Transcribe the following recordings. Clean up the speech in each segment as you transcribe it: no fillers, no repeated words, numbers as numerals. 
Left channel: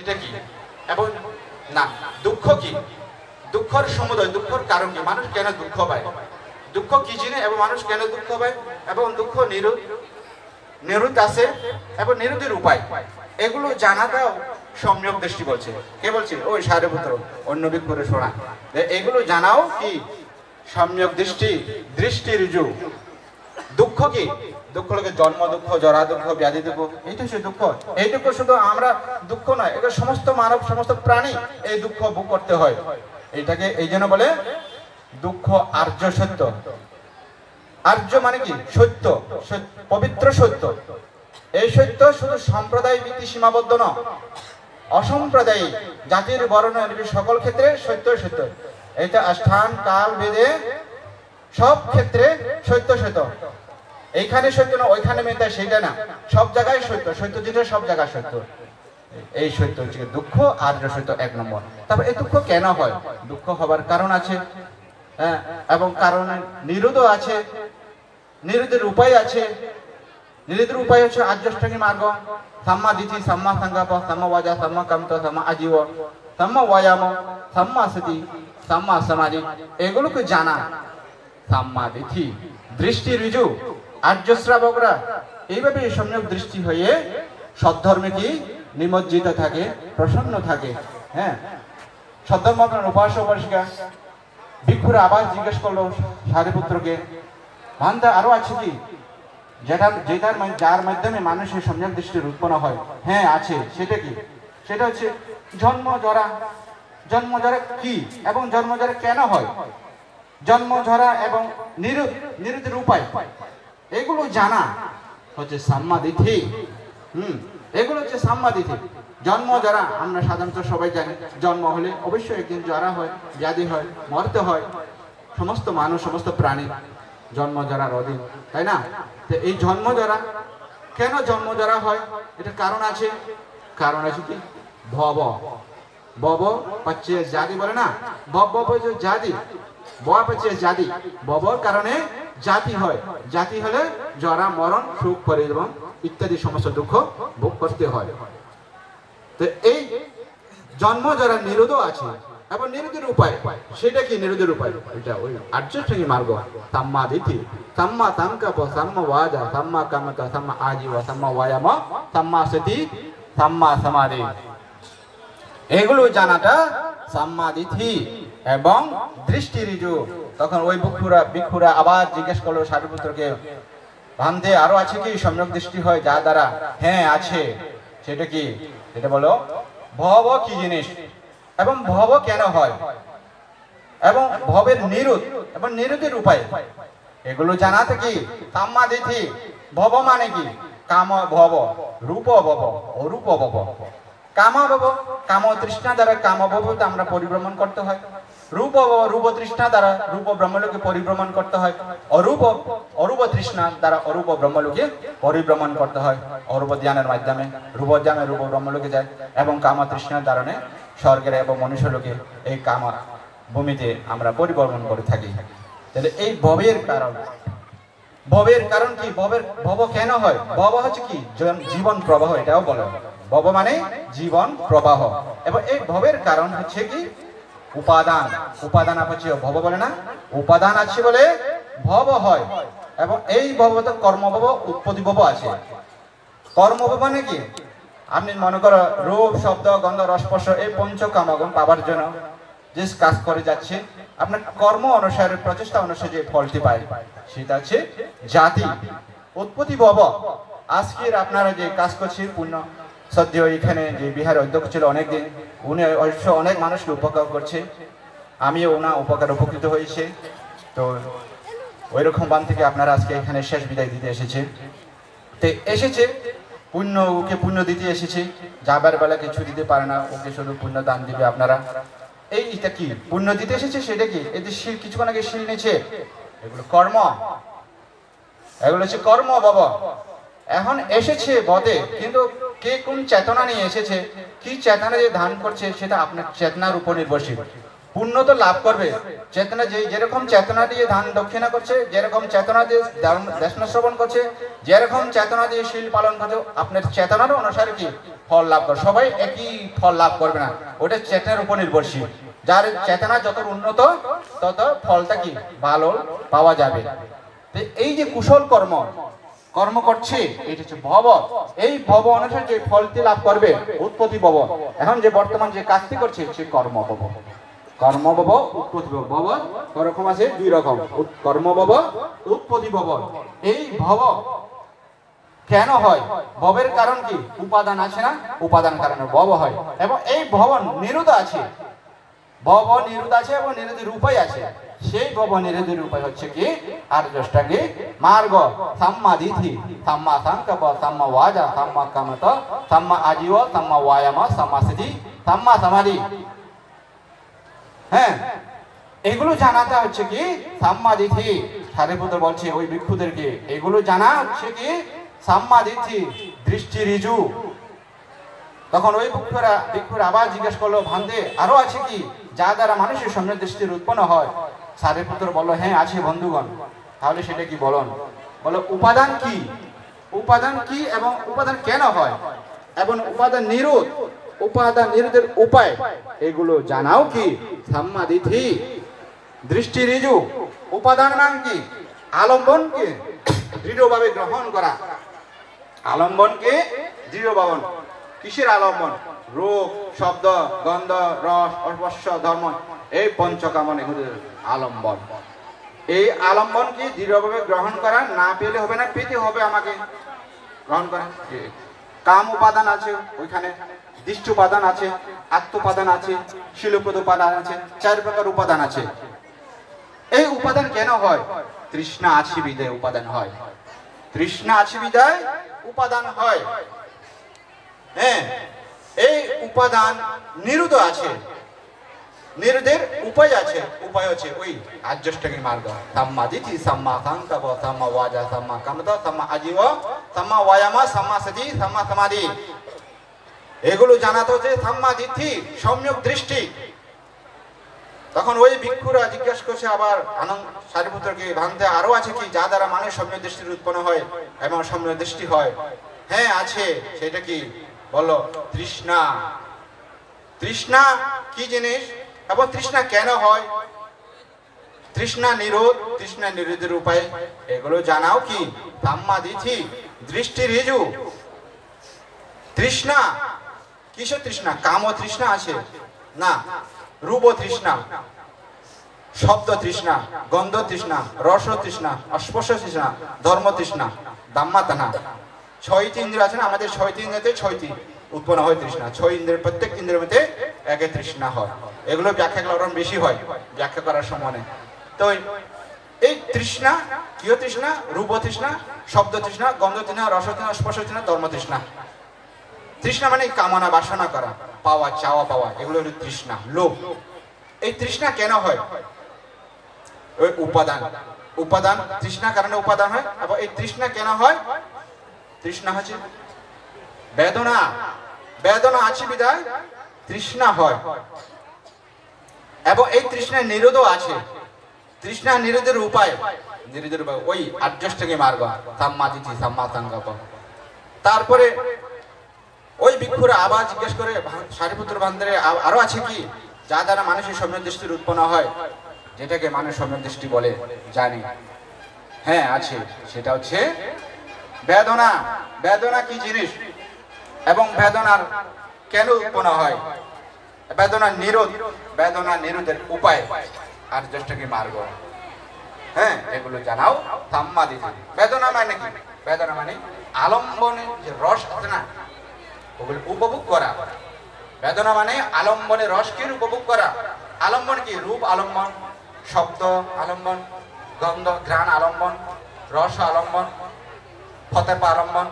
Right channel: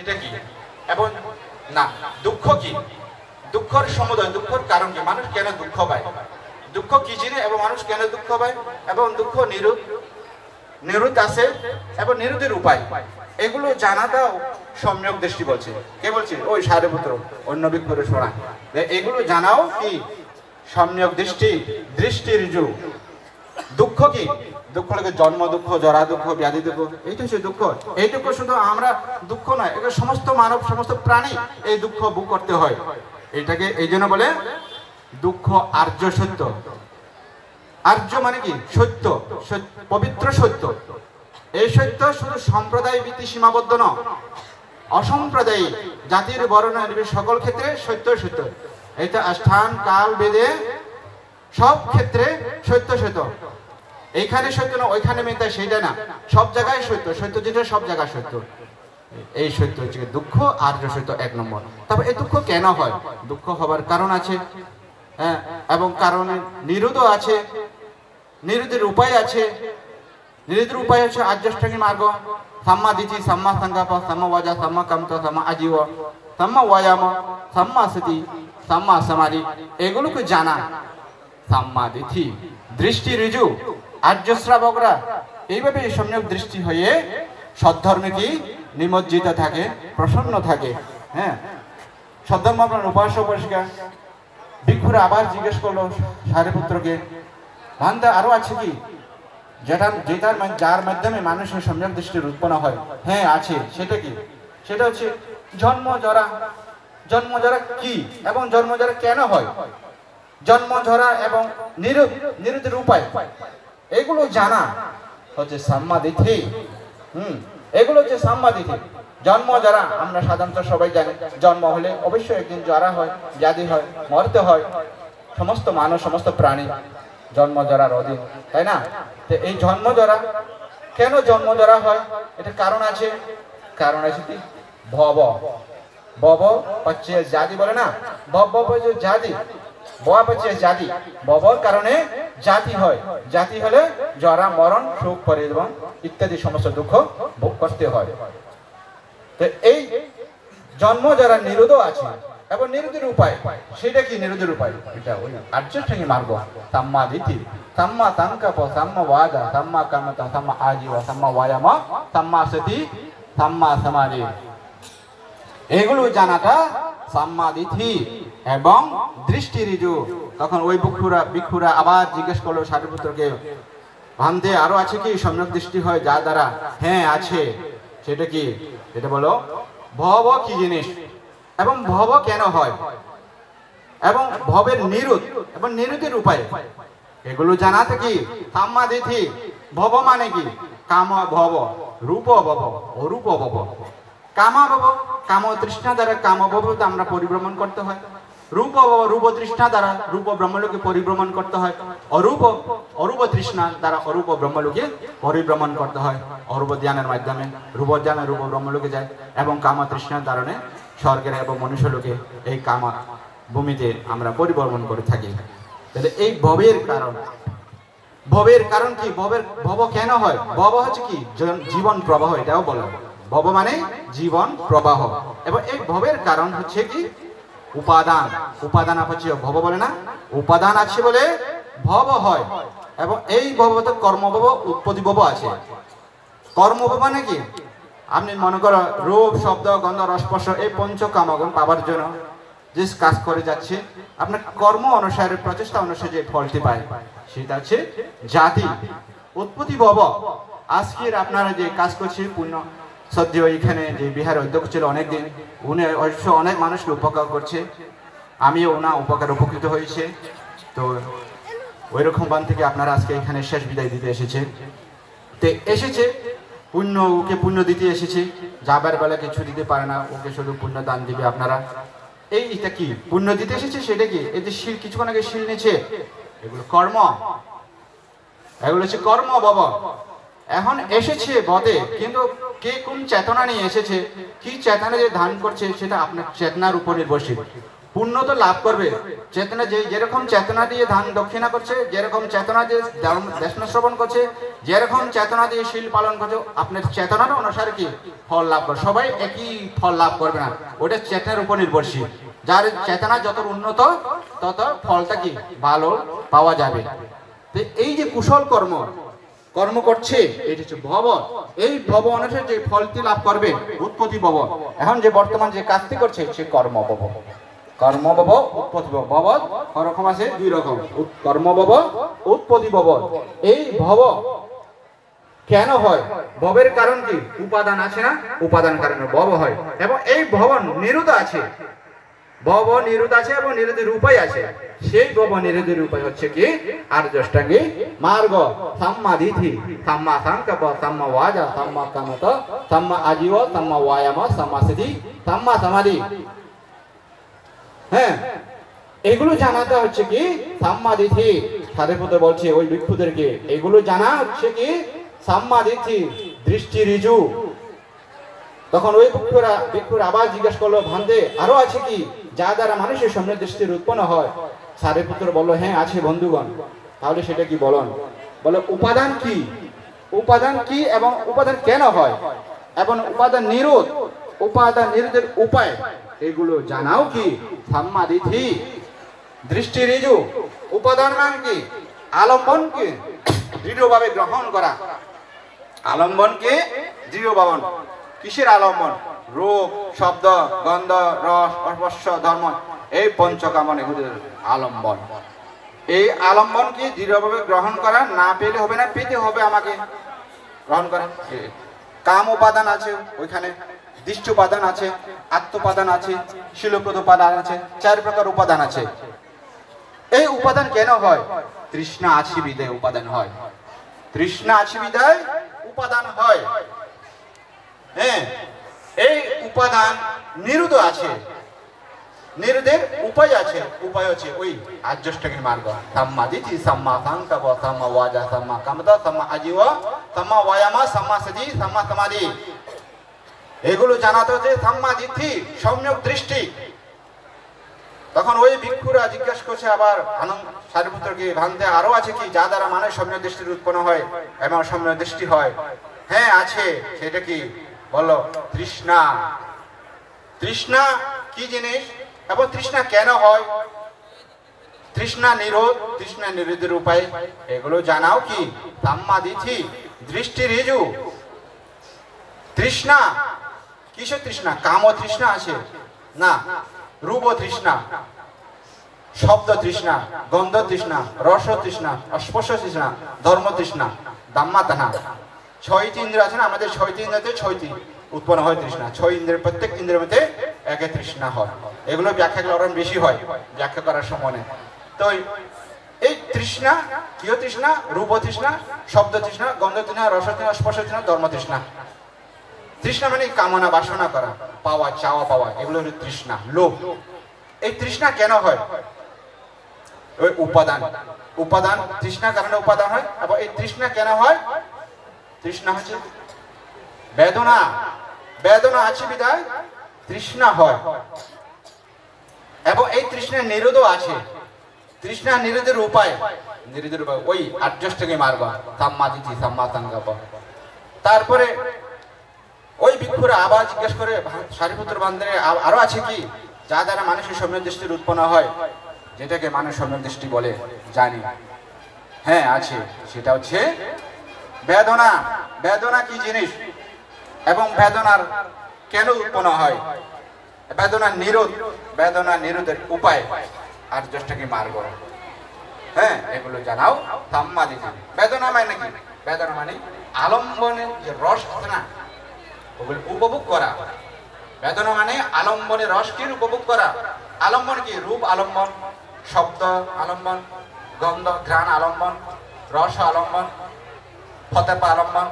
এটা কি এবং না দুঃখ কি, দুঃখের সমুদয়, দুঃখের কারণ কি, মানুষ কেন দুঃখ পায়, দুঃখ কি জিনিস এবং মানুষ কেন দুঃখ পায়, এবং দুঃখ নিরুদ্ধ আছে এবং নিরুদ্ধের উপায়, এগুলো জানাটাও সম্যক দৃষ্টি বলছে। কে বলছে? ওই সারিপুত্র অন্য বিক্ষরে শোনা। এগুলো জানাও কি সম্যক দৃষ্টি, দৃষ্টির যুগ। দুঃখ কি? দুঃখ লাগে জন্ম দুঃখ, জরা দুঃখ, ব্যাধি দুঃখ, এইটা হচ্ছে দুঃখ। এই দুঃখ শুধু আমরা দুঃখ নয়, এটা সমস্ত মানব, সমস্ত প্রাণী এই দুঃখ ভোগ করতে হয়। এইটাকে এই জন্য বলে দুঃখ আর্য সত্য। আর্য মানে কি? সত্য, পবিত্র সত্য। এই সত্য শুধু সম্প্রদায় ভিত্তি সীমাবদ্ধ নয়, অসম্প্রদায়িক জাতির বর্ণ সকল ক্ষেত্রে সত্য সত্য। এটা স্থান কাল বেদে সব ক্ষেত্রে সত্য সত্য। এইখানে সত্য না, ওইখানে মেতা, সেইটা না, সব জায়গায় সত্য, সত্য যেটা সব জায়গায় সত্য। এই সত্য হচ্ছে দুঃখ আর্য সত্য 1 নম্বর। তবে এই দুঃখ কেন হয়? দুঃখ হবার কারণ আছে, হ্যাঁ, এবং কারণে নিরোধ আছে, নিরোধের উপায় আছে। নিরোধের উপায় হচ্ছে আর্যাষ্টাঙ্গিক মার্গ, সাম্মা দিতি, সাম্মা সংকল্প, সাম্মা ওয়াজা, সাম্মা কামিত, সাম্মা আজীব, সাম্মা ওয়ায়াম, সাম্মা সতি, সাম্মা সমাধি, এগুলোকে জানা। সাম্মা দিতি দৃষ্টি ঋজু, আর্য শ্রাবকরা এইভাবে সম্যক দৃষ্টি হয়ে সদ্ধর্মে কি নিমজ্জিত থাকে, প্রসন্ন থাকে। হ্যাঁ, সদ্ধর্ম উপাসক উপাসিকা ভিক্ষুরা আবার জিজ্ঞেস করলো সারিপুত্রকে, ভান্তা আরো আছে কি যার মাধ্যমে মানুষের সম্যক দৃষ্টির উৎপন্ন হয়? হ্যাঁ আছে। সেটা কি? সেটা হচ্ছে জন্ম জরা। জন্ম জরা কি এবং জন্ম জরা কেন হয়, জন্ম ঝরা এবং নিরোধের উপায়, এগুলো জানা হচ্ছে সাম্মাদিথি। এগুলো হচ্ছে সাম্মাদিথি। জন্ম জরা আমরা সাধারণত সবাই জানি, জন্ম হলে অবশ্যই একদিন জরা হয়, ব্যাধি হয়, মরতে হয়। সমস্ত মানুষ, সমস্ত প্রাণী জন্ম জরার অধীন, তাই না? তো এই জন্ম জরা কেন জন্ম জরা হয়, এটা কারণ আছে। কারণ আছে কি? ভব বব পাচ্ছে জাতি বলে না, ভব পাচ্ছে জাতি, বয়া পাচ্ছে জাতি। ববর কারণে জাতি হয়, জাতি হলে জরা, মরণ, সুখ, পরিশ্রম ইত্যাদি সমস্ত দুঃখ ভোগ করতে হয়। তো এই জন্ম যারা নিরোধ আছে এবং নিরোধের উপায়, সেটা কি নিরোধের উপায়? এটা ওই আর্যাষ্টাঙ্গিক মার্গ, সাম্মা দিতি, সাম্মা সংকল্প, সাম্মা ওয়াজা, সাম্মা কামিত, সাম্মা আজীব, সাম্মা ওয়ায়াম, সাম্মা সতি, সাম্মা সমাধি, এগুলো জানাটা সাম্মাদিথি এবং দৃষ্টি ঋজু। তখন ওই ভিক্ষুরা আবার জিজ্ঞেস করলো সারিপুত্রকে, ভান্তে আরো আছে কি সম্যক দৃষ্টি হয় যার দ্বারা? হ্যাঁ আছে। সেটা কি? সেটা বলো ভব কি জিনিস এবং ভব কেন হয় এবং ভবের নিরোধ এবং নিরোধের উপায়, এগুলো জানাতে কি সাম্মাদিথি। ভব মানে কি? কাম ভব, রূপ ভব, অরূপ ভব। কামা ভব, কাম তৃষ্ণা দ্বারা কাম ভবতে আমরা পরিভ্রমণ করতে হয়। রূপ ভব, রূপ তৃষ্ণা দ্বারা রূপ ব্রহ্মলোকে পরিভ্রমণ করতে হয়। অরূপ তৃষ্ণা দ্বারা অরূপ ব্রহ্মলোকে পরিভ্রমণ করতে হয়। অরূপ জ্ঞানের মাধ্যমে রূপ জ্ঞানে রূপ ব্রহ্মলোকে যায় এবং কাম তৃষ্ণার কারণে স্বর্গের এবং মনুষ্যলোকে এই কামা ভূমিতে আমরা পরিভ্রমণ করে থাকি। তাহলে এই ভবের কারণ, ভবের কারণ কি? ভব কেন হয়? ভব হচ্ছে কি? জীবন প্রবাহ, এটাও বলে। ভব মানে জীবন প্রবাহ। এবং এই ভবের কারণ হচ্ছে কি? উপাদান। উপাদান আছে, ভব বলে না, উপাদান আছে বলে ভব হয়। এবং এই ভবতে কর্মভব, উৎপত্তি ভব আছে। কর্মভব মানে কি? আপনি মনে করো রূপ, শব্দ, গন্ধ, রসস্পর্শ এই পঞ্চকামগুণ পাবার জন্য যে কাজ করে যাচ্ছে, আপনার কর্ম অনুসারে, প্রচেষ্টা অনুসারে যে ফলটি পায় সেটা হচ্ছে জাতি। উৎপত্তি ভব, আজকের আপনারা যে কাজ করছে পুণ্য সদ্য এখানে যে বিহারের অধ্যক্ষ ছিল অনেকদিন, উনি অনেক মানুষকে উপকার করছে, আমিও ওনার উপকৃত হয়েছে। তো ওই রকম বান থেকে আপনারা আজকে এখানে শেষ বিদায় দিতে এসেছে। তো এসেছে পুণ্য, ওকে পুণ্য দিতে এসেছে। যাবার বেলা কিছু দিতে পারে না, ওকে শুধু পুণ্য দান দিবে আপনারা। এইটা কি? পুণ্য দিতে এসেছে। সেটা কি? এতে শিল, কিছুক্ষণ আগে শিল নিচ্ছে, এগুলো কর্ম, এগুলো হচ্ছে কর্ম বাবা। এখন এসেছে বটে, কিন্তু কে কোন চেতনা নিয়ে এসেছে, কি চেতনা যে ধারণ করছে সেটা আপনার চেতনার উপর নির্ভরশীল। পুণ্য তো লাভ করবে। চেতনা যেরকম চেতনা দিয়ে দান দক্ষিণা করছে, যেরকম চেতনা দিয়ে দেশনা শ্রবণ করছে, যেরকম চেতনা দিয়ে শীল পালন করছে, আপনার চেতনার অনুসারে কি ফল লাভ করে। সবাই একই ফল লাভ করবে না, ওটা চেতনার উপর নির্ভরশীল। যার চেতনা যত উন্নত তত ফলটা কি ভালো পাওয়া যাবে। এই যে কুশল কর্ম করছে, এটা হচ্ছে ভব। এই ভব অনুসারে যে ফলটি লাভ করবে উৎপত্তি ভব। এখন যে বর্তমান যে কাজটি করছে হচ্ছে কর্মভব। কর্মভব, উৎপত্তি ভব। ভব রকম আছে, দুই রকম, কর্মভব, উৎপত্তি ভব। এই ভব কেন হয়? ভবের কারণ কি? উপাদান আছে না, উপাদান কারণে ভব হয়। এবং এই ভব নিরোধ আছে, ভব নিরোধ আছে এবং নিরোধের উপায় আছে। সেই ভব নিরোধের উপায় হচ্ছে কি? আর্যষ্টাঙ্গী মার্গ, সাম্মা দিথি, সাম্মা সংকল্প, সাম্মা ওয়াজা, সাম্মা কামত, সাম্মা আজীব, সাম্মা ওয়ায়াম, সাম্মা সিদ্ধি, সাম্মা সমাধি। হ্যাঁ, এগুলো জানাতে হচ্ছে কি সাম্মা দিথি। সারিপুত্র বলছে ওই ভিক্ষুদেরকে, এগুলো জানা হচ্ছে কি সাম্মা দিথি, দৃষ্টি ঋজু। তখন ওই ভিক্ষুরা আবার জিজ্ঞেস করলো, ভান্তে আরো আছে কি যা দ্বারা মানুষের সামনে দৃষ্টির উৎপন্ন হয়? সারিপুত্র বললো, হ্যাঁ আছে বন্ধুগণ। তাহলে সেটা কি বলুন? বলো উপাদান কি, উপাদান কি এবং উপাদান কেন হয়, এবং উপাদান নিরোধের উপায়, এগুলো জানাও কি সাম্মা দিথি, দৃষ্টি ঋজু। উপাদান মানে কি? আলম্বনকে দৃঢ়ভাবে গ্রহণ করা। আলম্বনকে দৃঢ়ভাবে, কিসের আলম্বন? রূপ, শব্দ, গন্ধ, রস, স্পর্শ, ধর্ম, এই পঞ্চকামন এগুলোর আলম্বন। এই আলম্বনকে দৃঢ়ভাবে গ্রহণ করা, না পেলে হবে না, পেতে হবে আমাকে গ্রহণ করা। কাম উপাদান আছে ওইখানে, দৃষ্টি উপাদান আছে, আত্মোপাদান আছে, শিলপ্রদ উপাদান আছে, 4 প্রকার উপাদান আছে। এই উপাদান কেন হয়? তৃষ্ণা আছে বিধায় উপাদান হয়। তৃষ্ণা আছে বিধায় উপাদান হয়। হ্যাঁ, এই উপাদান নিরোধ আছে, নিরোধের উপায় আছে। উপায় হচ্ছে ওই আর্যষ্টাঙ্গিক মার্গ, সাম্মা দিথি, সাম্মা সংকল্প, সাম্মা ওয়াজা, সাম্মা কামত, সাম্মা আজীব, সাম্মা ওয়ায়াম, সাম্মা সিদ্ধি, সাম্মা সমাধি। এগুলো জানাতে হচ্ছে সাম্মা দিথি, সম্যক দৃষ্টি। তখন ওই ভিক্ষুরা জিজ্ঞাসা করছে আবার সারিপুত্রকে, ভান্তে আরো আছে কি যা দ্বারা মানুষ সম্যক দৃষ্টির উৎপন্ন হয় এবং সম্যক দৃষ্টি হয়? হ্যাঁ আছে। সেটা কি? বলো তৃষ্ণা। তৃষ্ণা কি জিনিস এবং তৃষ্ণা কেন হয়? তৃষ্ণা নিরোধ, তৃষ্ণা নিরোধের উপায়, এগুলো জানাও কি সাম্মা দিথি, দৃষ্টি ঋজু। তৃষ্ণা কিসের তৃষ্ণা? কাম তৃষ্ণা আছে না, রূপ তৃষ্ণা, শব্দ তৃষ্ণা, গন্ধ তৃষ্ণা, রস তৃষ্ণা, স্পর্শ তৃষ্ণা, ধর্ম তৃষ্ণা, দাম্মা তানা। 6টি ইন্দ্রিয় আছে না আমাদের, 6টি ইন্দ্রিয়তে 6টি উৎপন্ন হয় তৃষ্ণা। 6 ইন্দ্রিয়ের প্রত্যেক ইন্দ্রিয়ের মধ্যে একে তৃষ্ণা হয়। এগুলো ব্যাখ্যা করলে ওরকম বেশি হয়, ব্যাখ্যা করার সময় নেই। তো এই তৃষ্ণা কি? তৃষ্ণা রূপ তৃষ্ণা, শব্দ তৃষ্ণা, গন্ধ তৃষ্ণা, রস তৃষ্ণা, স্পর্শ তৃষ্ণা, ধর্ম তৃষ্ণা। তৃষ্ণা মানে কামনা বাসনা করা, পাওয়া, চাওয়া পাওয়া, এগুলো হলো তৃষ্ণা, লোভ। এই তৃষ্ণা কেন হয়? ওই উপাদান তৃষ্ণা কারণে উপাদান হয়। এবং এই তৃষ্ণা কেন হয়? তৃষ্ণা হচ্ছে বেদনা, বেদনা আছে বিধায় তৃষ্ণা হয়। এবং এই তৃষ্ণার নিরোধও আছে। তৃষ্ণা নিরোধের উপায়, ওই আর্যষ্টাঙ্গিক মার্গ, সাম্মা দিথি, সাম্মা সংকল্প। তারপরে ওই ভিক্ষুরা আবার জিজ্ঞেস করে, সারিপুত্র ভান্তে আরো আছে কি যা দ্বারা মানুষের সম্যক দৃষ্টির উৎপন্ন হয়, যেটাকে মানুষ সম্যক দৃষ্টি বলে জানি? হ্যাঁ আছে। সেটা হচ্ছে বেদনা। বেদনা কি জিনিস এবং বেদনার কেন উৎপন্ন হয়, বেদনা নিরোধের উপায়, আর্যষ্টাঙ্গিক মার্গ। হ্যাঁ, এগুলো জানাও সাম্মা দিথি। বেদনা মানে কি? বেদনা মানে আলম্বনের যে রস আছে না, ওগুলো উপভোগ করা। বেদনা মানে আলম্বনের রসকে উপভোগ করা। আলম্বন কি? রূপ আলম্বন, শব্দ আলম্বন, গন্ধ ঘ্রাণ আলম্বন, রস আলম্বন, ফতেপা আলম্বন,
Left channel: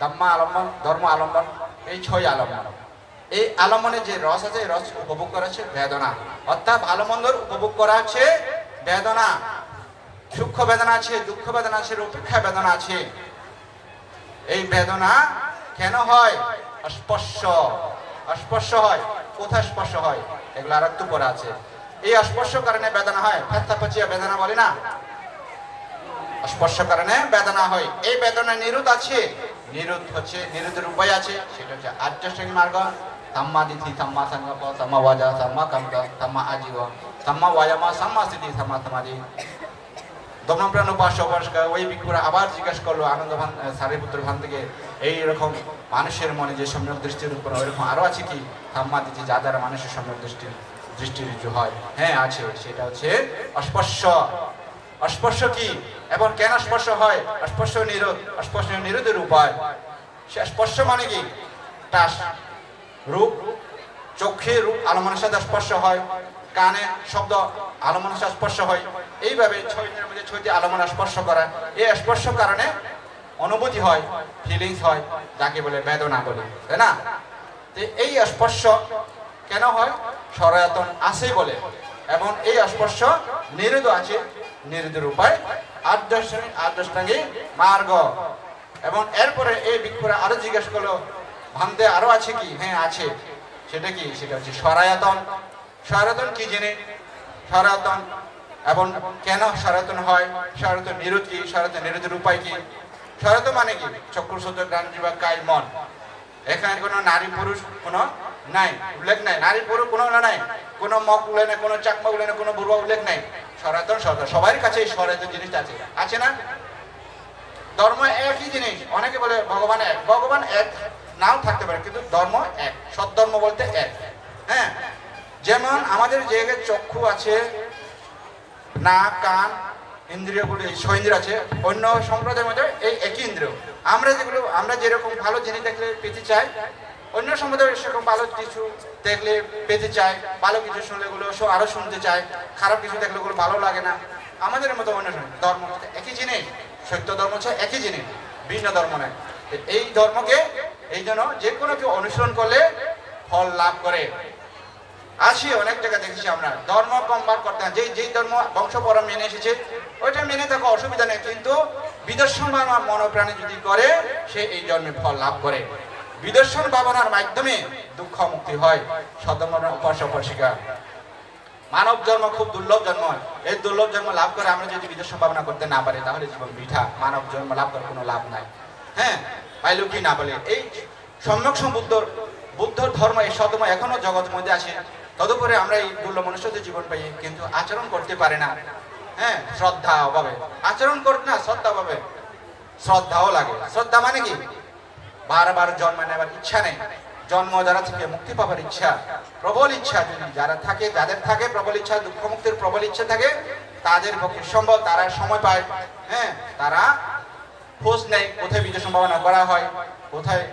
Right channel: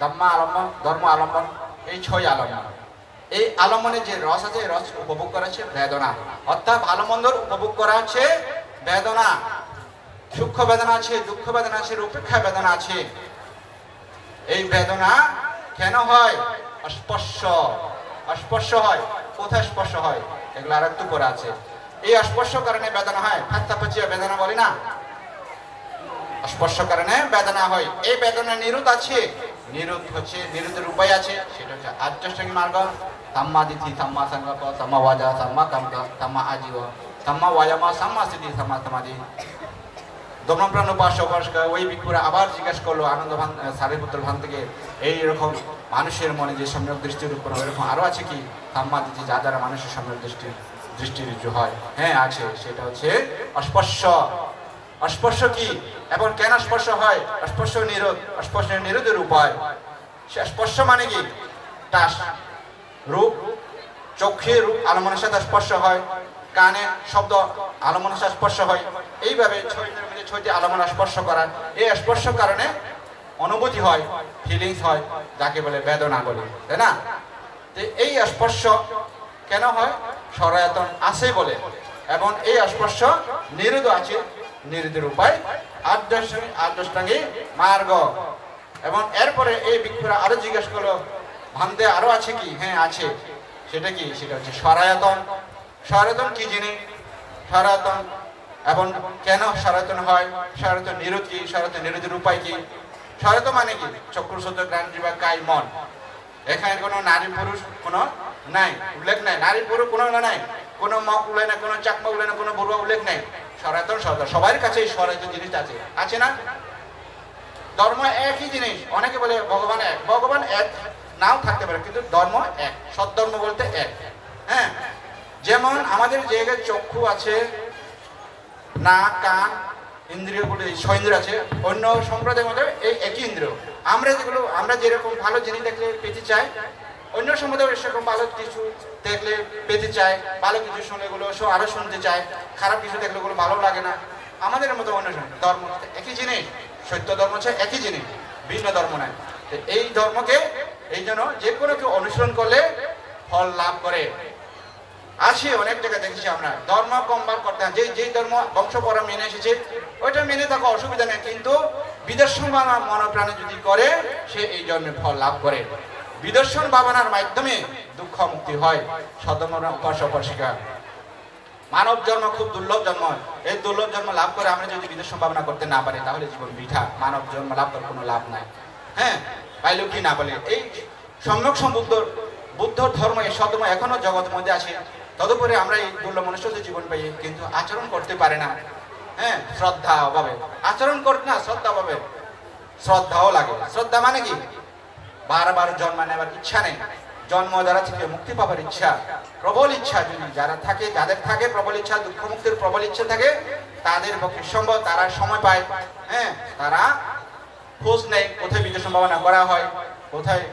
দাম্মা আলম্বন, ধর্ম আলম্বন, এই 6 আলম্বন। এই আলম্বনে যে রস আছে, এই রস উপভোগ করা হচ্ছে বেদনা। অর্থাৎ ভালো মন্দর উপভোগ করা হচ্ছে বেদনা। সুখ বেদনা আছে, দুঃখ বেদনা আছে, উপেক্ষা বেদনা আছে। এই বেদনা কেন হয়? স্পর্শ হয়। কোথায় স্পর্শ হয়? এগুলো আরেকটু পরে আছে। এই স্পর্শ কারণে বেদনা হয়, ঠাত্তা পাচিয়া বেদনা বলি না, স্পর্শ কারণে বেদনা হয়। এই বেদনা নিরোধ আছে, নিরোধ হচ্ছে, নিরোধের উপায় আছে, সেটা হচ্ছে আর্যশ্রেণী মার্গ, সাম্মা দিতি, সাম্মা সংকল্প, সাম্মা ওয়াজা, সাম্মা কামকা, সাম্মা আজীব, সাম্মা ওয়ায়ামা, সাম্মা স্থিতি, সাম্মা সমাধি। দমনপ্রাণ উপাস্য উপাসকা ওই ভিক্ষুরা আবার জিজ্ঞাসা করলো আনন্দ ভান, সারিপুত্র ভান থেকে, এইরকম মানুষের মনে যে সম্যক দৃষ্টির উৎপন্ন হয় এরকম আরো আছে কি? সাম্মা দিতি, যা দ্বারা মানুষের সম্যক দৃষ্টি ঋজু হয়। হ্যাঁ আছে, সেটা হচ্ছে অস্পর্শ। অস্পর্শ কি এবং কেন স্পর্শ হয়? স্পর্শ নিরোধ, স্পর্শ নিরোধের উপায়। সে স্পর্শ মানে কি? টাস রূপ, চোখে রূপ আলমনের সাথে স্পর্শ হয়, কানে শব্দ আলমনের সাথে স্পর্শ হয়, এইভাবে ছয়টির মধ্যে ছয়টি আলমন স্পর্শ করায়। এই স্পর্শ কারণে অনুভূতি হয়, ফিলিংস হয়, যাকে বলে বেদনা বলি, তাই না? এই স্পর্শ কেন হয়? সরায়তন আছে বলে, এবং এই স্পর্শ নিরোধ আছে, নিরোধের উপায় আর্যষ্টাঙ্গী মার্গ। এবং এরপরে এই ভিক্ষুরা আরো জিজ্ঞাসা করলো ভান্তে আরো আছে কি? হ্যাঁ আছে, সেটা কি? সেটা হচ্ছে সরায়তন। সরায়তন কি জিনিস? সরায়তন এবং কেন সরায়তন হয়? সরায়তন নিরোধ কি? সরায়তন নিরোধের উপায় কি? সরায়তন মানে কি? চক্ষু শব্দ গ্রাণ জিহ্বা কায় মন, এখানে কোনো নারী পুরুষ কোনো নাই, উল্লেখ নাই, নারী পুরুষ কোনো নাই, কোনো মগ উল্লেখ নেই, কোনো চাকমা উল্লেখ নেই, কোনো বুড়া উল্লেখ নেই। সনাতন সরকার সবার কাছে এই সনাতন জিনিস আছে, আছে না? ধর্ম একই জিনিস। অনেকে বলে ভগবান এক, ভগবান এক নাও থাকতে পারে, কিন্তু ধর্ম এক, সৎধর্ম বলতে এক। হ্যাঁ, যেমন আমাদের জায়গায় চক্ষু আছে, নাক, কান, ইন্দ্রিয়গুলো, ছয় আছে, অন্য সম্প্রদায়ের মধ্যে এই একই ইন্দ্রিয়। আমরা যেরকম ভালো জিনিস দেখলে পেতে চাই, অন্য সম্প্রদায় সেরকম ভালো কিছু দেখলে পেতে চায়, ভালো কিছু শুনলে গুলো আরো শুনতে চায়, খারাপ কিছু দেখলে ওগুলো ভালো লাগে না। আমাদের মতো অন্য ধর্ম একই জিনিস, সত্য ধর্ম হচ্ছে একই জিনিস, ভিন্ন ধর্ম নয়। এই ধর্মকে এই জন্য যে কোনো কেউ অনুসরণ করলে ফল লাভ করে। আসি অনেক জায়গায় দেখেছি আমরা ধর্ম কমবার করতে, যেই ধর্ম বংশ পরম মেনে এসেছে ওইটা মেনে থাকা অসুবিধা নেই, কিন্তু বিদর্শন ভাবনা মনোপ্রাণে যদি করে সে এই জন্মে ফল লাভ করে। বিদর্শন ভাবনার মাধ্যমে দুঃখ মুক্তি হয়। সদমনের উপাস্য উপাসিকা, মানব জন্ম খুব দুর্লভ জন্ম, এই দুর্লভ জন্ম লাভ করে আমরা যদি বিদর্শন ভাবনা করতে না পারি তাহলে জীবন বৃথা, মানব জন্ম লাভ করে কোনো লাভ নাই। হ্যাঁ, পাইল কি না পাইলে এই সম্যক বুদ্ধ ধর্ম, এই সদম এখনো জগতের মধ্যে আছে। তদুপরি আমরা এই দুর্লভ মনুষ্যদের জীবন পাই, কিন্তু আচরণ করতে পারে না। হ্যাঁ, শ্রদ্ধা অভাবে আচরণ করতে না, শ্রদ্ধা অভাবে। শ্রদ্ধাও লাগে। শ্রদ্ধা মানে কি? বারবার জন্ম নেবার ইচ্ছা নেই, জন্ম দ্বারা থেকে মুক্তি পাবার ইচ্ছা, প্রবল ইচ্ছা। যদি যাদের থাকে প্রবল ইচ্ছা, দুঃখ মুক্তির প্রবল ইচ্ছা থাকে, তাদের পক্ষে সম্ভব, তারা সময় পায়। হ্যাঁ, তারা খোঁজ নেয় কোথায় বিদ্যা সম্ভাবনা করা হয়, কোথায়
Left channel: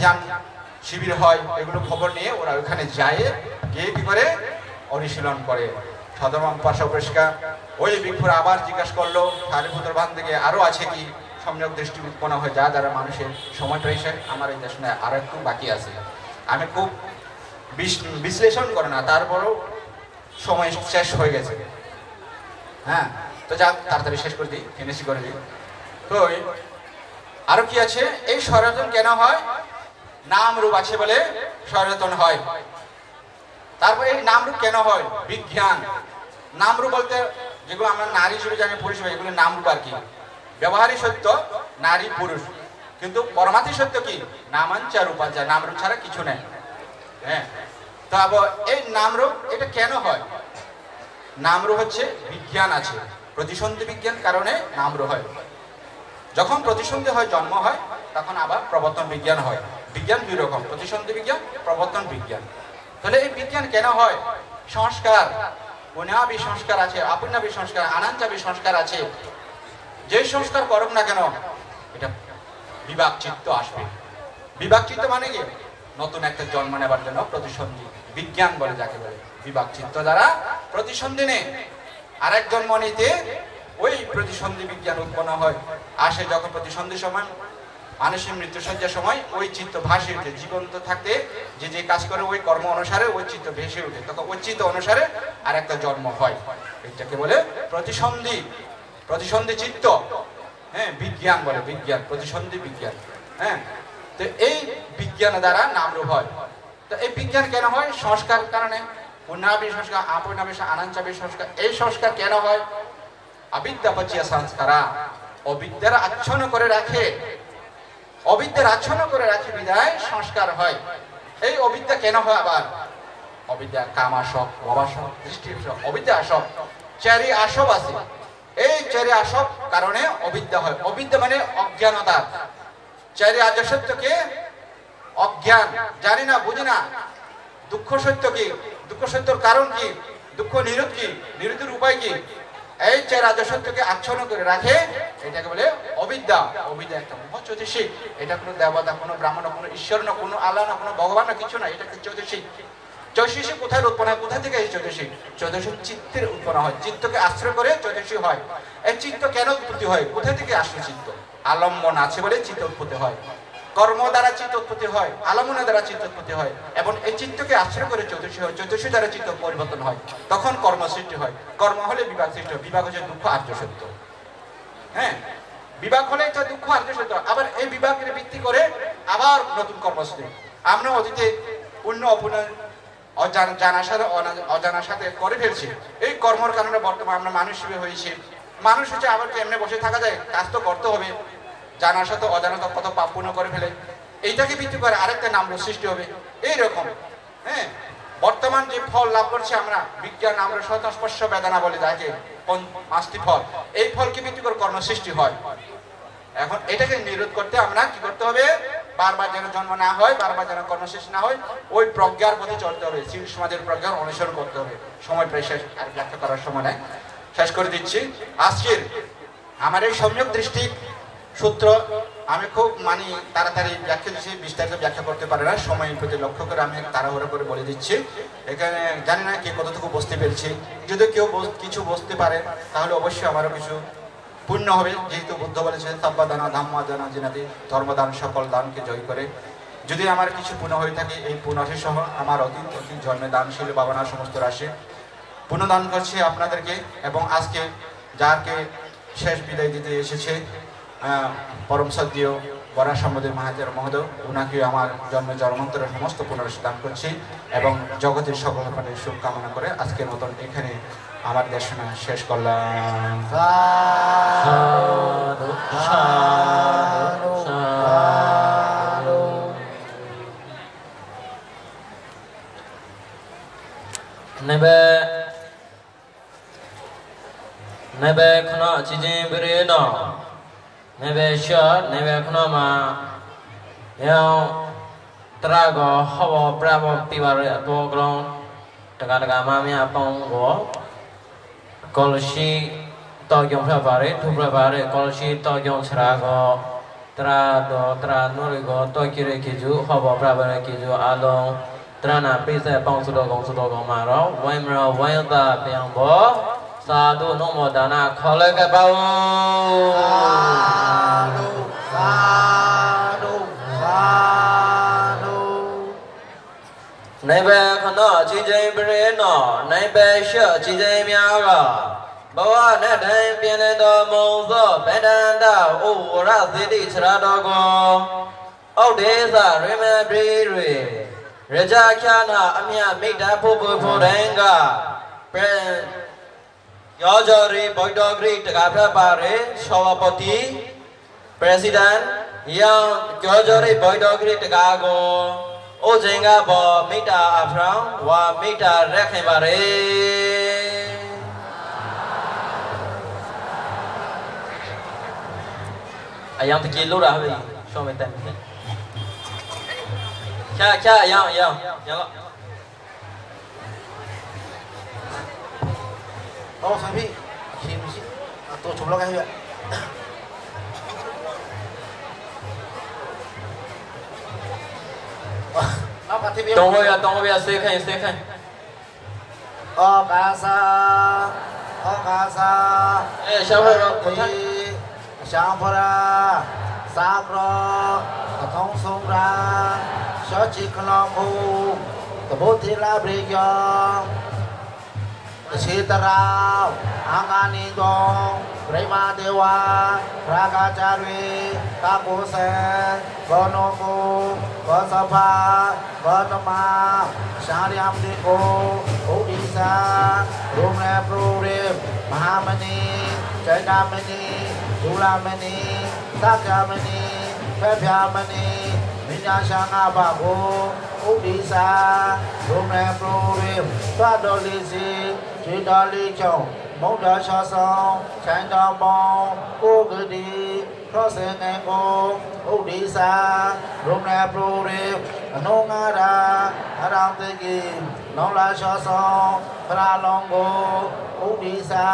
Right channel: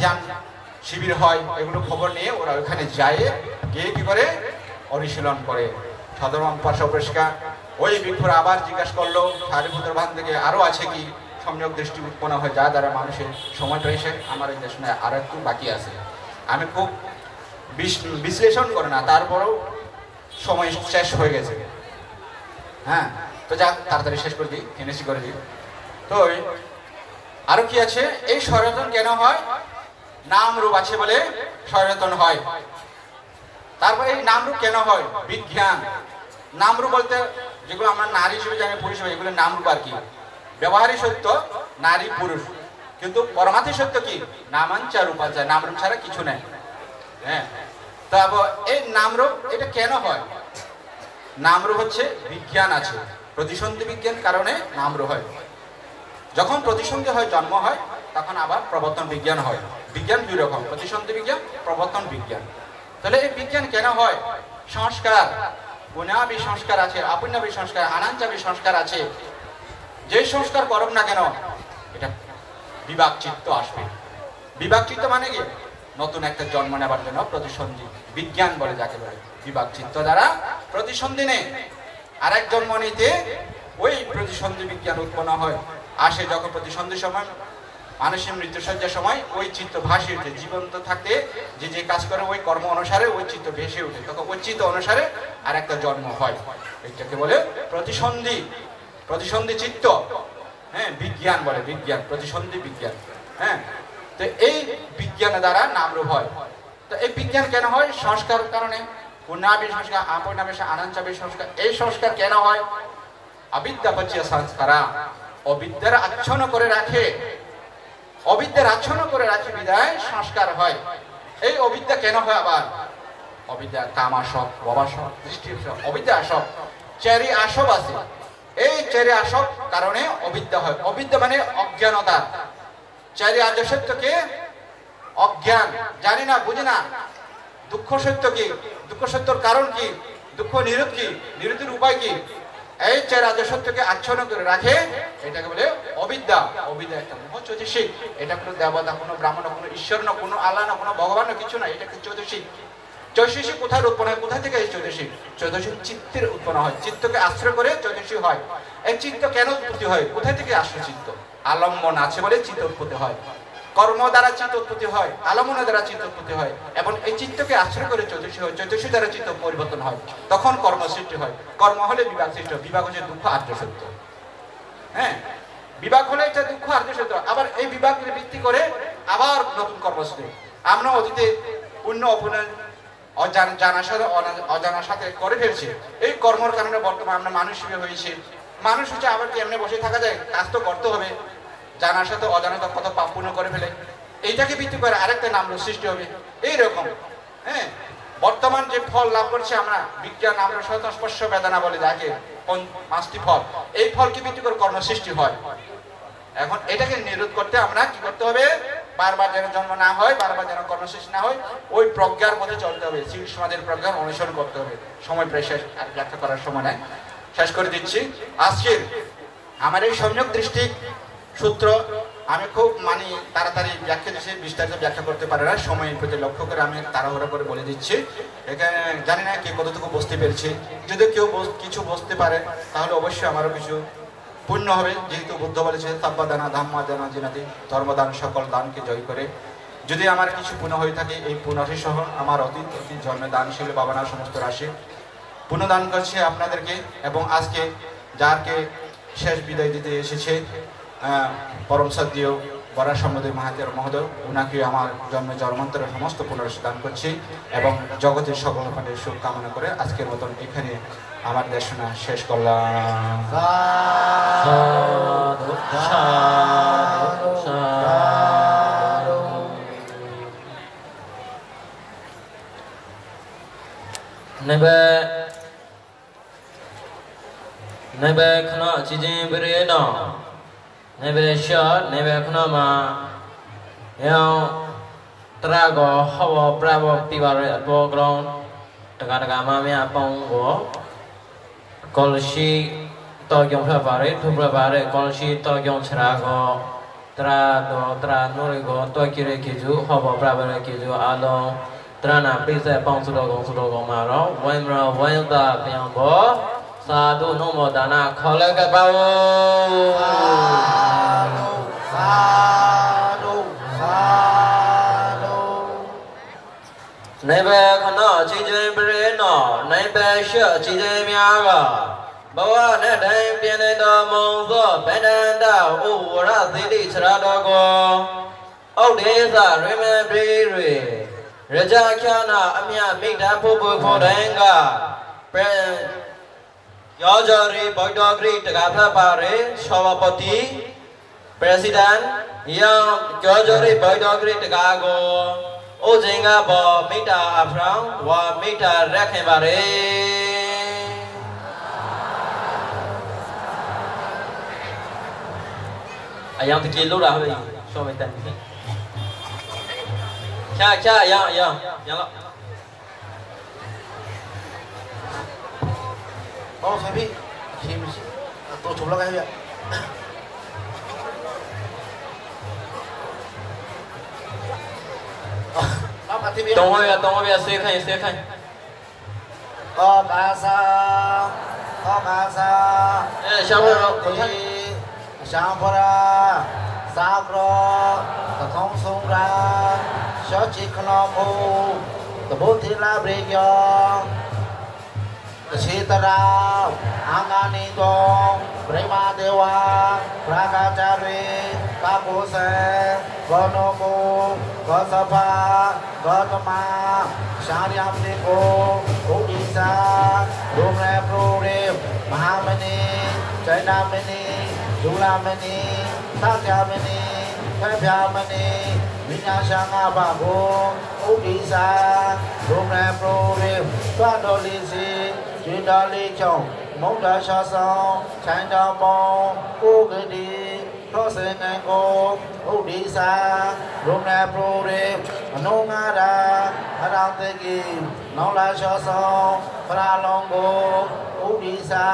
ধ্যান শিবির হয়, এগুলো খবর নিয়ে ওরা ওখানে যায়, গিয়ে কি করে অনুশীলন করে। সদরম পাশা পরিষ্কার ওই ভিক্ষুরা আবার জিজ্ঞাসা করলো সারিপুত্র ভান থেকে আরো আছে কি? সম্যক দৃষ্টি উৎপন্ন হয় যা দ্বারা মানুষের সময় পেয়েছে। আমার এই দেশে আর একটু বাকি আছে, আমি খুব বিশ্লেষণ করে না, তারপরেও সময় শেষ হয়ে গেছে। হ্যাঁ, তো যা তাড়াতাড়ি শেষ করে দিই, ফিনিশ করে দিই। তো আরো কি আছে? এই সনাতন কেন হয়? নাম রূপ আছে বলে সনাতন হয়। তারপর এই নাম রূপ কেন হয়? বিজ্ঞান। নাম রূপ বলতে যেগুলো আমরা নারী হিসেবে জানি, পুরুষ হিসেবে, এগুলো নাম রূপ আর কি। ব্যবহারিক সত্য নারী পুরুষ, কিন্তু পরমার্থিক সত্য কি? নামাঞ্চা রূপাঞ্চা, নাম রূপ ছাড়া কিছু নেই। হ্যাঁ, তারপর এই নাম রূপ এটা কেন হয়? নাম রূপ হচ্ছে বিজ্ঞান আছে, প্রতিসন্ধি বিজ্ঞান কারণে নাম রূপ হয়। যখন প্রতিসন্ধি হয়, জন্ম হয়, তখন আবার প্রবর্তন বিজ্ঞান হয়। বিজ্ঞান দুই রকম, প্রতিসন্ধি বিজ্ঞান, প্রবর্তন বিজ্ঞান। তাহলে এই বিজ্ঞান কেন হয়? সংস্কার, পুণ্যাবি সংস্কার আছে, অপুণ্যাবি সংস্কার, আনাঞ্চাবি সংস্কার আছে। যে সংস্কার করুক না কেন, এটা বিভাগ চিত্ত আসবে। বিভাগ চিত্ত মানে কি? নতুন একটা জন্ম নেবার জন্য প্রতিসন্ধি বিজ্ঞান বলে যাকে বলে। বিভাগ চিত্ত দ্বারা প্রতিসন্ধি নেই, আর এক জন্ম নিতে ওই প্রতিসন্ধি বিজ্ঞান উৎপন্ন হয়। আসে যখন প্রতিসন্ধির সময়, মানুষের মৃত্যুসজ্জার সময় ওই চিত্ত ভাসে উঠে, জীবন্ত থাকতে যে কাজ করে ওই কর্ম অনুসারে ওই চিত্ত ভেসে উঠে, তখন ওই চিত্ত অনুসারে আর একটা জন্ম হয়। এটাকে বলে প্রতিসন্ধি, প্রতিসন্ধি চিত্ত। হ্যাঁ, বিজ্ঞান বলে, বিজ্ঞান, প্রতিসন্ধি বিজ্ঞান। হ্যাঁ, তো এই বিজ্ঞান দ্বারা নাম রূপ হয়। তো এই বিজ্ঞান কেন হয়? সংস্কার কারণে, পুণ্যাবি সংস্কার আপনাবি আনাঞ্চাবি সংস্কার এই সংস্কার কেন হয় অবিদ্যা পচিয়া সংস্কারা অবিদ্যার আচ্ছন্ন করে রাখে অবিদ্যার আচ্ছন্ন করে রাখে বিদায় সংস্কার হয় এই অবিদ্যা কেন হয় আবার অবিদ্যা কামাসক ভবাসক দৃষ্টিসক অবিদ্যা আসক চারি আসব আছে এই চারি আসব কারণে অবিদ্যা হয় অবিদ্যা মানে অজ্ঞানতা চারি আর্যসত্যকে অজ্ঞান জানি না বুঝি না দুঃখ সত্য কি দুঃখ সত্যর কারণ কি দুঃখ নিরোধ কি নিরোধের উপায় কি এই চার আর্যসত্যকে আচ্ছন্ন করে রাখে এটাকে বলে অবিদ্যা অবিদ্যা একটা মহচৈতসিক এটা কোনো দেবতা কোনো ব্রাহ্মণ কোনো ঈশ্বর না কোনো আল্লাহ না কোনো ভগবান না কিছু না এটা চৈতসিক চৈতসিক কোথায় উৎপন্ন হয় কোথা থেকে এই চৈতসিক চৈতসিক চিত্তের উৎপন্ন হয় চিত্তকে আশ্রয় করে চৈতসিক হয় এই চিত্ত কেন উৎপত্তি হয় কোথা থেকে আসলে চিত্ত আলম্বন আছে বলে চিত্ত উৎপত্তি হয় কর্ম দ্বারা চিত্ত উৎপত্তি হয় আলম্বনের দ্বারা চিত্ত উৎপত্তি হয় এবং এই চিত্তকে আশ্রয় করে চৈতসিক হয় চৈতসিক দ্বারা চিত্ত পরিবর্তন হয় তখন কর্ম সৃষ্টি হয় কর্ম হলে বিভাগ সৃষ্টি হয় বিভাগ হচ্ছে দুঃখ আর্য সত্য হ্যাঁ বিভাগ হলে একটা দুঃখ আর্য সত্য আবার এই বিভাগকে ভিত্তি করে আবার নতুন কর্ম সৃষ্টি আমরা অতীতে পুণ্য অপুণ্য অজানার সাথে করে ফেলছি এই কর্মের কারণে বর্তমানে আমরা মানুষ হিসেবে হয়েছি মানুষ হচ্ছে আবার কি এমনি বসে থাকা যায় কাজ তো করতে হবে জানার সাথে অজানাতে কত পাপ পুণ্য করে ফেলে এইটাকে ভিত্তি করে আরেকটা নাম সৃষ্টি হবে এইরকম হ্যাঁ বর্তমান যে ফল লাভ করছে আমরা বিজ্ঞান আমরা স্বতঃস্পর্শ বেদনা বলে যাকে পাঁচটি ফল এই ফলকে ভিত্তি করে কর্ম সৃষ্টি হয় এখন এটাকে নিরোধ করতে আমরা কি করতে হবে বারবার যেন জন্ম না হয় বারবার যেন কর্মশেষ না হয় ওই প্রজ্ঞার পথে চলতে হবে শিব সমাজের প্রজ্ঞার অনুসরণ করতে হবে সময় প্রায় শেষ আর ব্যাখ্যা করার সময় নাই শেষ করে দিচ্ছি আজকের আমার এই সম্যক দৃষ্টি সূত্র আমি খুব তাড়াতাড়ি ব্যাখ্যা দিচ্ছি বিস্তারিত ব্যাখ্যা করতে পারে না সময়ের প্রতি লক্ষ্য করে আমি তাড়াহুড়া করে বলে দিচ্ছি এখানে জানি না কে কতটুকু বুঝতে পেরেছি যদি কেউ কিছু বুঝতে পারে তাহলে অবশ্যই আমারও কিছু পুণ্য হবে যেহেতু বুদ্ধ বলেছেন সাব্বাদানা ধাম্মা জানা জিনাতি ধর্মদান সকল দানকে জয় করে যদি আমার কিছু পুণ্য হয়ে থাকে এই পুণ্যটি সহ আমার অতীত জন্মে দানশীল বাবানার সমস্ত রাশি পুণ্যদান করছি আপনাদেরকে এবং আজকে যাকে শেষ বিদায় দিতে এসেছে পরম সদ্যীয় বরা সম্বন্ধে মাহাতের মহোদয় ওনাকে আমার জন্মে জন্মান্তরের সমস্ত পুনরাশি দান করছি এবং জগতের সকল পাঠের শুভকামনা করে আজকের মতন এখানে আমার দেশনা শেষ করলাম Nebe khna chijin bere no nebe shot nebe khna ma yang trago hawa bravo pibare atwo ground daga ma me apong go kolshi to yong pha bare thu pha bare kolshi to yong chra go tra no le go to kire kiju hawa bravo le kiju along tra na pise pong su do gong ma ro wai ba pyang bo Sadu nomo dana khole ka bao sadu Nai ba khana chi jai bre no nai ba sha chi jai mya ga bawa na dai pian le do mong so ba dan da o ra si ti chra do go au de sa ri me ri ri raja kya na amya mei da pho pho dai ga Yojori Boydogri Tagapa Pare Shavapati President Yang Yojori Boydogri Tagago Ojenga Bo Mita Afram Wa Mita Rakhemare Ayang Tiki Lura Show me time Kya yang Oh, sabi, si, to chumla kayo ya. Tunggu ya, silakan. Oh, kasa. Siapa? Siapa? Sakro, Katong Sungra, Shochi Kanoku, Tabutila Brigyon. Sitara, Anganidong, Brahma Dewa, Pragacari, Kapuse, Gonoku, Gosapa, Gonoma, Sharyamniko, sa Rung le pro rim Mahamani Jainamani Julamani Sakyamani Phepyamani Vinyashanga Babo Udisa Rung le pro rim Twadolisi Jindali Chong Mongda Shasong China Bong Kogadi Prosenengo Udisa Rung le pro rim Anongada Arantegi Nongla Shasong Pralongo Udisa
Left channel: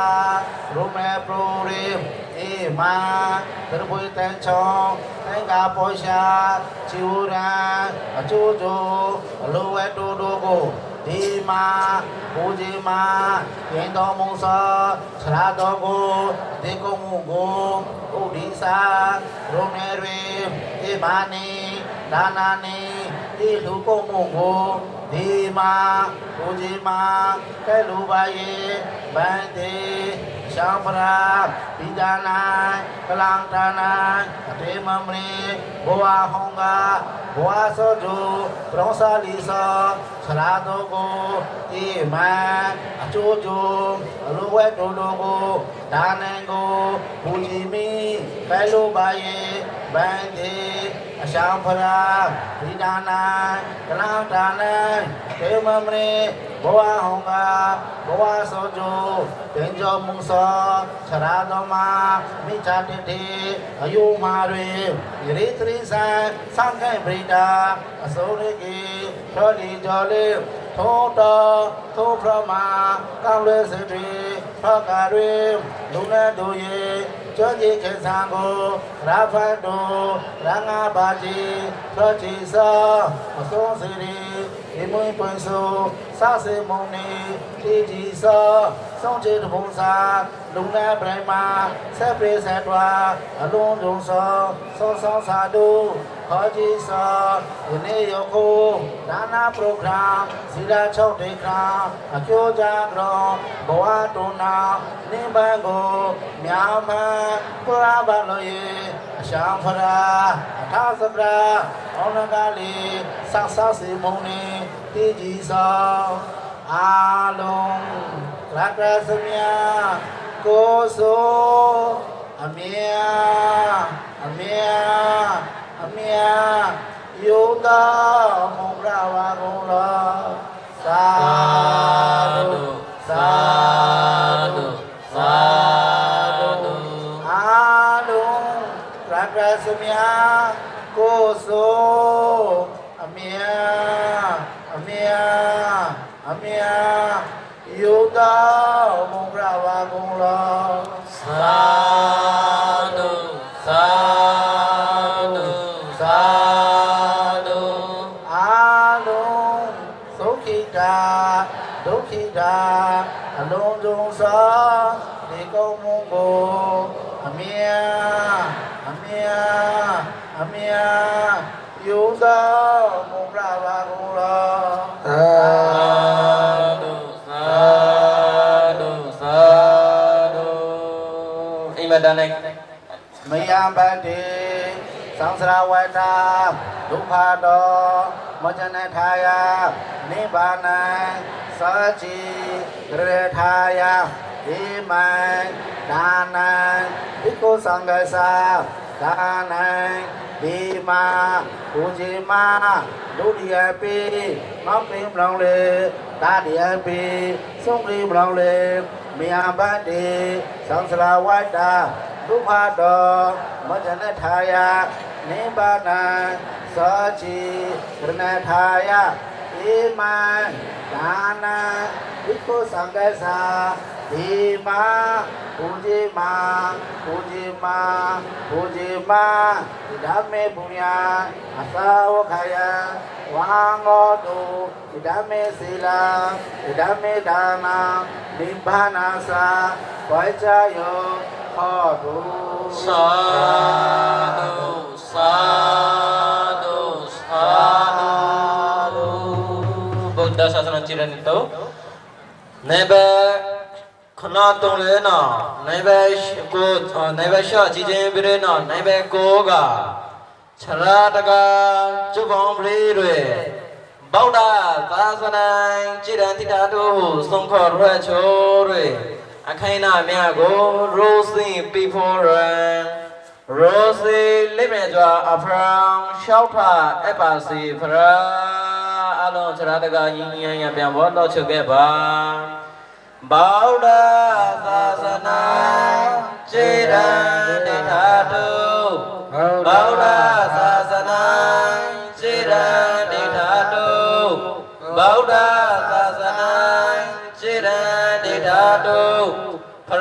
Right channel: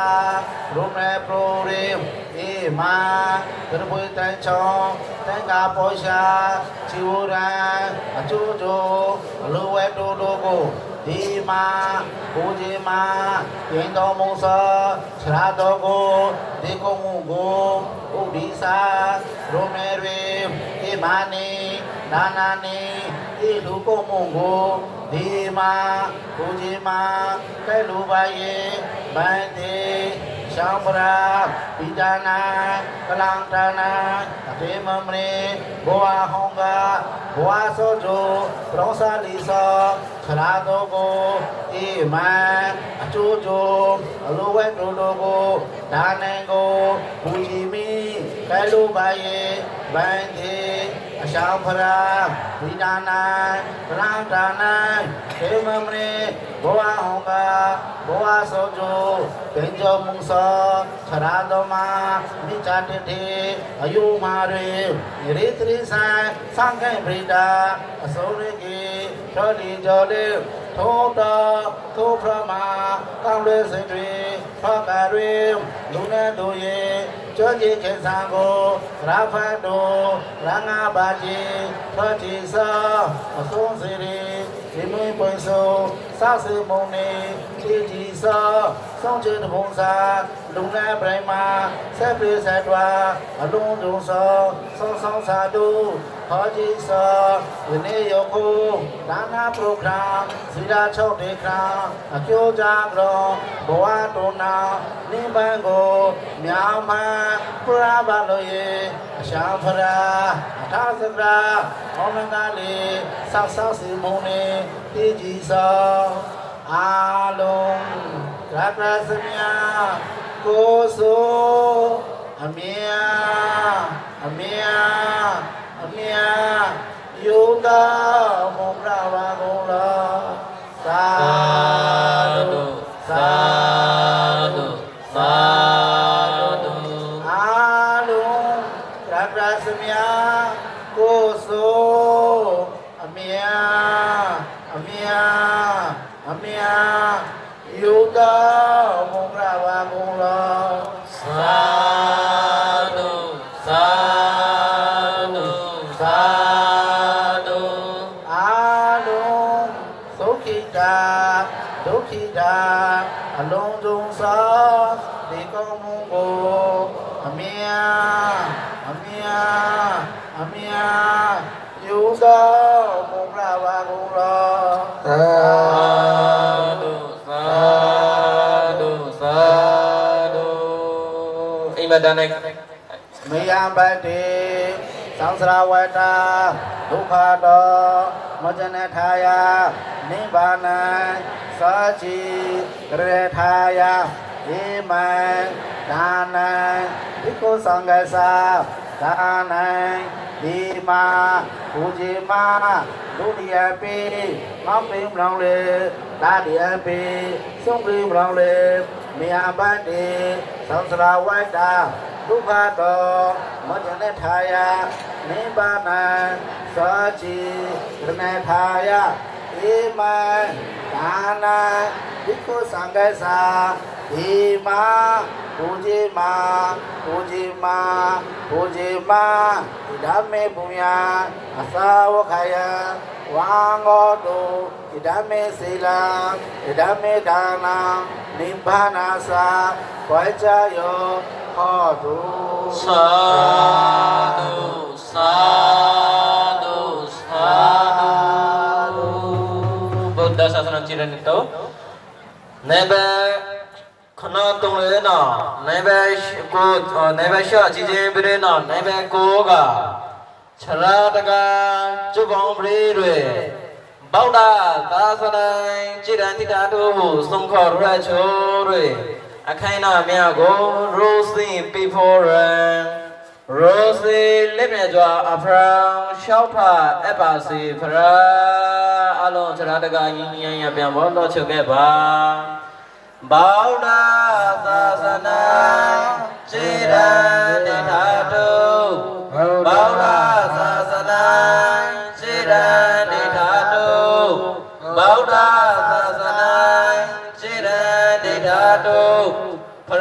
Rung le pro rim Ima Terpui Tenchong Tenga Posha Chiura Achujo Luwe Dudugo Dima Pujima Yendo Musa Chradogo Diko Mungo Udisa Rung le rim Imani Danani Iluko Mungo Dima Pujima Kelubaye Bante Shambra Pijana Kalantana Atemamre Boa Honga Boa Sojo Prosa Lisa Charadogo Ima Achujo Aluwe Dodogo Danengo Pujimi Kelubaye Bante Shambra Pijana Kalantana Atemamre Boa Honga Boa Sojo Benjo Mungso Charadoma Michatiti Ayumare Iritri San Sankai Brida Asuriki Todi Joli Tota Toprama Kaule Sitri Pakarim Luna Doye Joji Kensango Rafado Ranga Baji Pachisa Asun Siri Inui Poinso Sase Moni Tiji Sa Song Chit Ponsa Luna Brahma Sepri Setwa Alun Dongsa Song Song Sadu Haji Sa Ini Yoko Dana Program Sida Chok Dekram Akyo Jagro Boa Tona Nimbango Nyama Purabaloye Shampara Atasakra Onangali Saksa Simone Tiji Sa Along Rakrasamya Koso Amia Amia Amia Yoga Mongrava Gola Sadu Sadu Sadu Along Rakrasamya Koso Amia Amia Amia Yoga Mongrava Gola Sadu Sadu Sadu Alung Sukita Dukita Alung Dungsa Diko Mungo Amia Amia Amia Yoga Mongrava Gola Sadu Sadu Sadu Ibadah Mayambati Sangsrawata Dukhado Mojanethaya Nibbana Sachi Grethaya Imai Danai Iko Sanggasa Danai Dima Ujima Dudiapi Mopim Longli Tadiapi Sungri Longli Mayambati Sangsrawata Dukhado Mojanethaya Nibbana Sachi Grethaya Imai Dana Iko Sanggasa Dima Pujima Pujima Pujima Idame Punya Asawakaya Wangodo Idame Sila Idame Dana Nibbana Koichayo Hodu Sadu Sadu Sadu Buddha Sasana Chiran itu Nebe Khana Tunglena Nebe Sha Chijembrena Nebe Koga Charadaga Chubambre bảo đà ta sa này chỉ đến thì đã đủ sung khổ ra chỗ rồi khai nào mẹ go Rosie before Rosie live này cho Abraham shopper epasi fra alo chara daga yin ya pian bo lo chuk ke ba bảo đà ta sa này chỉ đến thì đã đủ bảo đà ta sa này chỉ đến thì đã đủ bảo đà ta sa này chỉ đến thì đã đủ Phật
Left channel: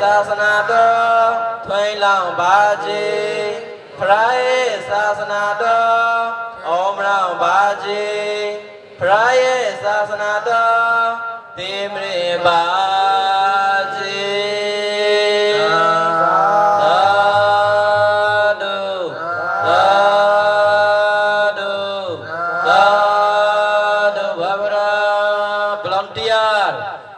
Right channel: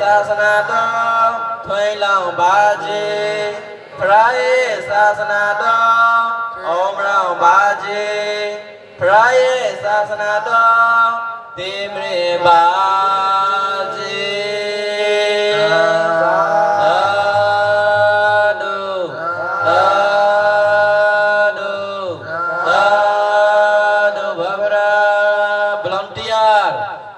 sa na đó thuê lòng ba chi Phật sa na đó ôm lòng ba chi Phật sa na đó tìm đi ba chi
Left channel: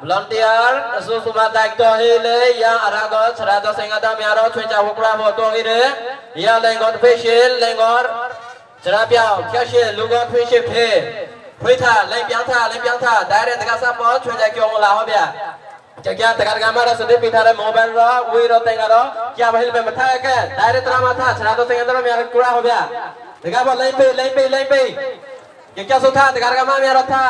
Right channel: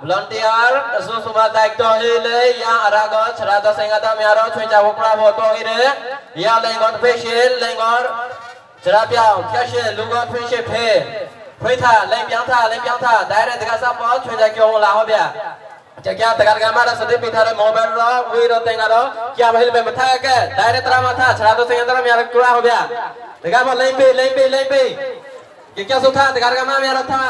volunteer susuma daik to ile yang arago cerada sengata miaro cuaca hukra foto ide ya lengon facial lengon cerapiao facial lugon facial phe tha leng piang tha direct dekat sapa cuaca kyong la ho bia jaga dekat gambar sedih pintar mobile ro wi ro tenga ro kya bahil me matha ke direct drama tha cerada sengata miaro kura ho bia dekat ba leng pe kya so tha dekat gambar miaro tha